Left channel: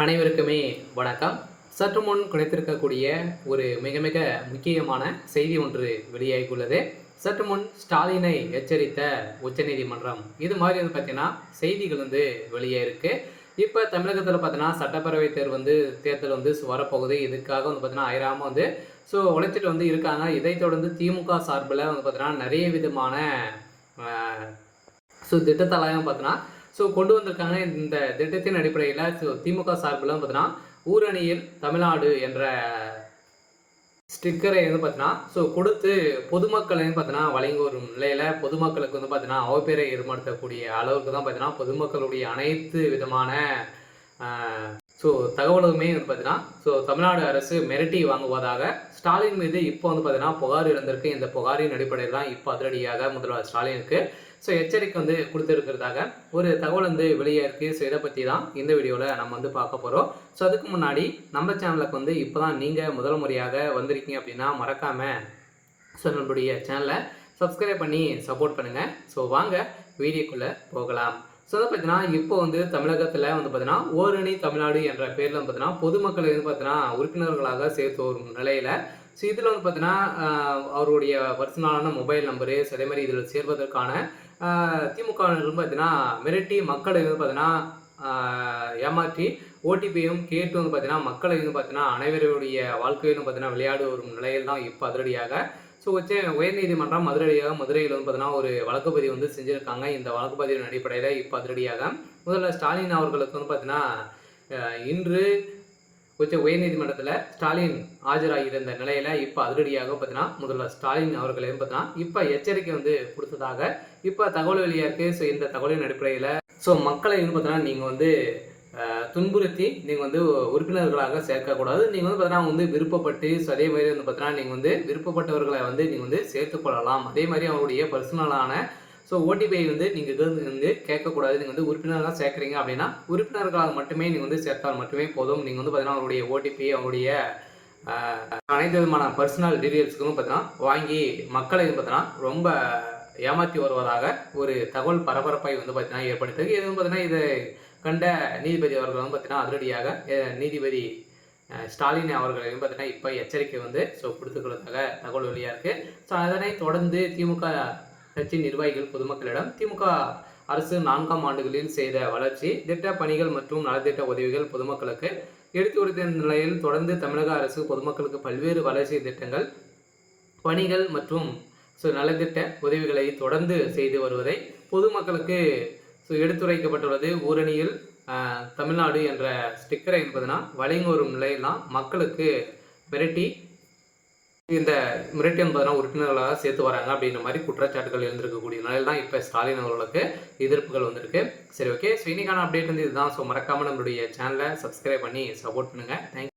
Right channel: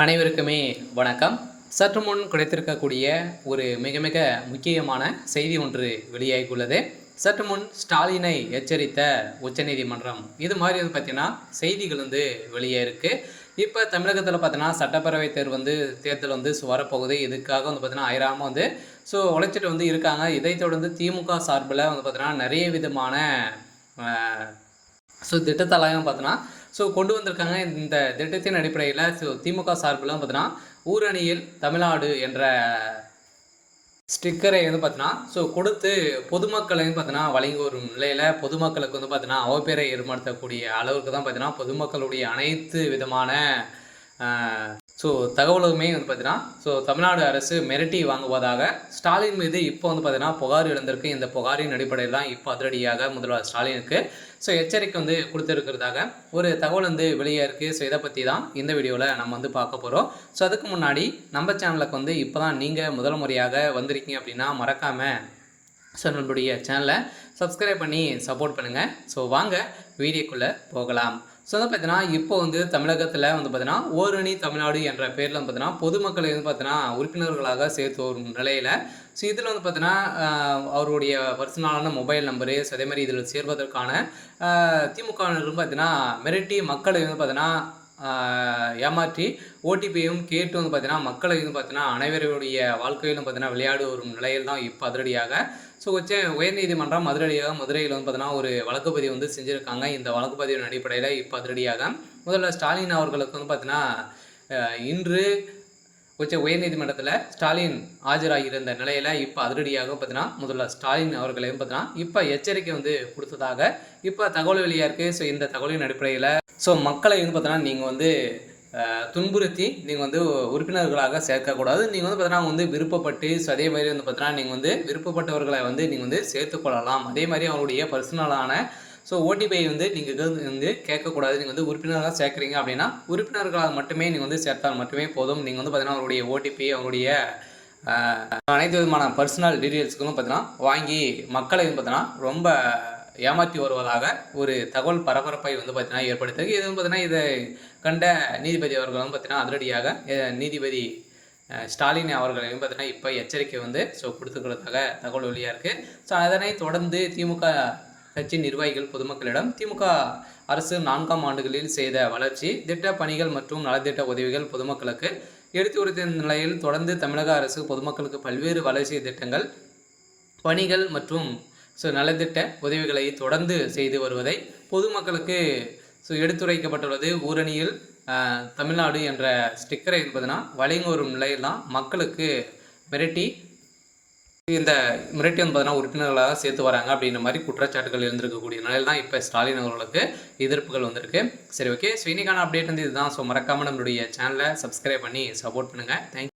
அனைவருக்குமே வணக்கம். சற்று முன் கிடைத்திருக்கக்கூடிய ஒரு மிக மிக முக்கியமான செய்தி ஒன்று வெளியாகியுள்ளது. சற்று முன் ஸ்டாலினை எச்சரித்த உச்சநீதிமன்றம். இது மாதிரி வந்து பார்த்தீங்கன்னா செய்திகள் வந்து வெளியே இப்போ தமிழகத்தில் பார்த்தீங்கன்னா சட்டப்பேரவை தேர்தல் வந்து வரப்போகுது. இதுக்காக வந்து பார்த்தீங்கன்னா அயராம வந்து உழைச்சிட்டு வந்து இருக்காங்க. இதைத் தொடர்ந்து திமுக சார்பில் வந்து பார்த்தீங்கன்னா நிறைய விதமான திட்டத்தெல்லாம் பார்த்தீங்கன்னா கொண்டு வந்திருக்காங்க. இந்த திட்டத்தின் அடிப்படையில் திமுக சார்பில் பார்த்தீங்கன்னா ஊரணியில் தமிழ்நாடு என்ற ஸ்டிக்கரை வந்து பார்த்தீங்கன்னா கொடுத்து பொதுமக்களை பார்த்தீங்கன்னா வழங்கி வரும் நிலையில் பொதுமக்களுக்கு வந்து பார்த்தீங்கன்னா அவப்பேரை ஏற்படுத்தக்கூடிய அளவுக்கு தான் பார்த்தீங்கன்னா பொதுமக்களுடைய அனைத்து விதமான தகவலுமே வந்து பார்த்தீங்கன்னா தமிழ்நாடு அரசு மிரட்டி வாங்குவதாக ஸ்டாலின் மீது இப்போ வந்து பார்த்தீங்கன்னா புகார் எழுந்திருக்கு. இந்த புகாரின் அடிப்படையில் தான் இப்போ அதிரடியாக முதல்வர் ஸ்டாலினுக்கு எச்சரிக்கை வந்து கொடுத்துருக்கிறதாக ஒரு தகவல் வந்து வெளியே இருக்குது. இதை பற்றி தான் இந்த வீடியோவில் நம்ம வந்து பார்க்க போகிறோம். அதுக்கு முன்னாடி நம்ம சேனலுக்கு வந்து இப்போ தான் நீங்கள் முதல் முறையாக வந்திருக்கீங்க அப்படின்னா மறக்காமல் நம்மளுடைய சேனலை சப்ஸ்கிரைப் பண்ணி சப்போர்ட் பண்ணுங்கள். வாங்க வீடியோக்குள்ளே போகலாம். அதை பார்த்தீங்கன்னா இப்போ வந்து தமிழகத்தில் வந்து பார்த்தீங்கன்னா ஓரணி தமிழ்நாடு என்ற பேரில் வந்து பார்த்தீங்கன்னா பொதுமக்களை வந்து பார்த்தீங்கன்னா உறுப்பினர்களாக சேர்த்து வரும் நிலையில் இதில் வந்து பார்த்தீங்கன்னா அவருடைய பர்சனலான மொபைல் நம்பரு அதே மாதிரி இதில் சேர்வதற்கான திமுகவினரும் பார்த்தீங்கன்னா மிரட்டி மக்களை வந்து பார்த்தீங்கன்னா ஏமாற்றி ஓடிபியும் கேட்டு வந்து பார்த்தீங்கன்னா மக்களை வந்து பார்த்தீங்கன்னா அனைவருடைய வாழ்க்கையிலும் பார்த்தீங்கன்னா விளையாடு வரும் நிலையில் தான் இப்போ அதிரடியாக உயர்நீதிமன்றம் மதுரையில் வந்து பார்த்தீங்கன்னா ஒரு வழக்கு பதிவு வந்து செஞ்சுருக்காங்க. இந்த வழக்கு பதிவின் அடிப்படையில் இப்போ அதிரடியாக முதல்ல ஸ்டாலின் அவர்களுக்கு வந்து பார்த்தீங்கன்னா இன்று உயர்நீதிமன்றத்தில் ஸ்டாலின் ஆஜராகியிருந்த நிலையில் இப்போ அதிரடியாக பார்த்தீங்கன்னா முதல்ல ஸ்டாலின் அவர்களையும் பார்த்தீங்கன்னா இப்போ எச்சரிக்கை வந்து கொடுத்ததாக இப்போ தகவல் வெளியாக இருக்குது. இந்த தகவலின் அடிப்படையில் மக்களை வந்து பார்த்தீங்கன்னா நீங்கள் வந்து துன்புறுத்தி நீங்கள் வந்து உறுப்பினர்களாக சேர்க்கக்கூடாது. நீங்கள் வந்து பார்த்தீங்கன்னா வந்து விருப்பப்பட்டு அதே மாதிரி வந்து பார்த்தீங்கன்னா நீங்கள் வந்து விருப்பப்பட்டவர்களை வந்து நீங்கள் வந்து சேர்த்துக்கொள்ளலாம். அதே மாதிரி அவருடைய பர்சனலான ஓடிபிஐ வந்து நீங்கள் வந்து கேட்கக்கூடாது. நீங்கள் வந்து உறுப்பினர்களாக சேர்க்குறீங்க அப்படின்னா உறுப்பினர்களாக மட்டுமே நீங்கள் வந்து சேர்த்தால் மட்டுமே போதும். நீங்கள் வந்து பார்த்தீங்கன்னா அவருடைய ஓடிபி அவருடைய அனைத்து விதமான பர்சனல் டீட்டெயில்ஸ்களும் பார்த்தீங்கன்னா வாங்கி மக்களை வந்து பார்த்தீங்கன்னா ரொம்ப ஏமாற்றி வருவதாக ஒரு தகவல் பரபரப்பை வந்து பார்த்தீங்கன்னா ஏற்படுத்துது. இது வந்து பார்த்தீங்கன்னா இதை கண்ட நீதிபதி அவர்களும் பார்த்தீங்கன்னா அதிரடியாக நீதிபதி ஸ்டாலின் அவர்களையும் பார்த்தீங்கன்னா இப்போ எச்சரிக்கை வந்து கொடுத்துக்கிறதாக தகவல் வெளியாக இருக்குது. அதனை தொடர்ந்து திமுக கட்சி நிர்வாகிகள் பொதுமக்களிடம் திமுக அரசு 4ஆம் ஆண்டுகளில் செய்த வளர்ச்சி திட்ட பணிகள் மற்றும் நலத்திட்ட உதவிகள் பொதுமக்களுக்கு எடுத்து உரைத்த நிலையில் தொடர்ந்து தமிழக அரசு பொதுமக்களுக்கு பல்வேறு வளர்ச்சி திட்டங்கள் பணிகள் மற்றும் நலத்திட்ட உதவிகளை தொடர்ந்து செய்து வருவதை பொதுமக்களுக்கு எடுத்துரைக்கப்பட்டுள்ளது. ஊரணியில் தமிழ்நாடு என்ற ஸ்டிக்கரை என்பதுனா வழங்கி வரும் நிலையெல்லாம் மக்களுக்கு மிரட்டி என்பதனா உறுப்பினர்களாக சேர்த்து வராங்க அப்படின்ற மாதிரி குற்றச்சாட்டுகள் இருந்திருக்கக்கூடிய நிலையில் தான் இப்போ ஸ்டாலின் அவர்களுக்கு எதிர்ப்புகள் வந்திருக்கு. சரி, ஓகே. இன்னைக்கான அப்டேட் வந்து இதுதான். மறக்காமல் நம்மளுடைய சேனலை சப்ஸ்கிரைப் பண்ணி சப்போர்ட் பண்ணுங்கள். தேங்க்யூ.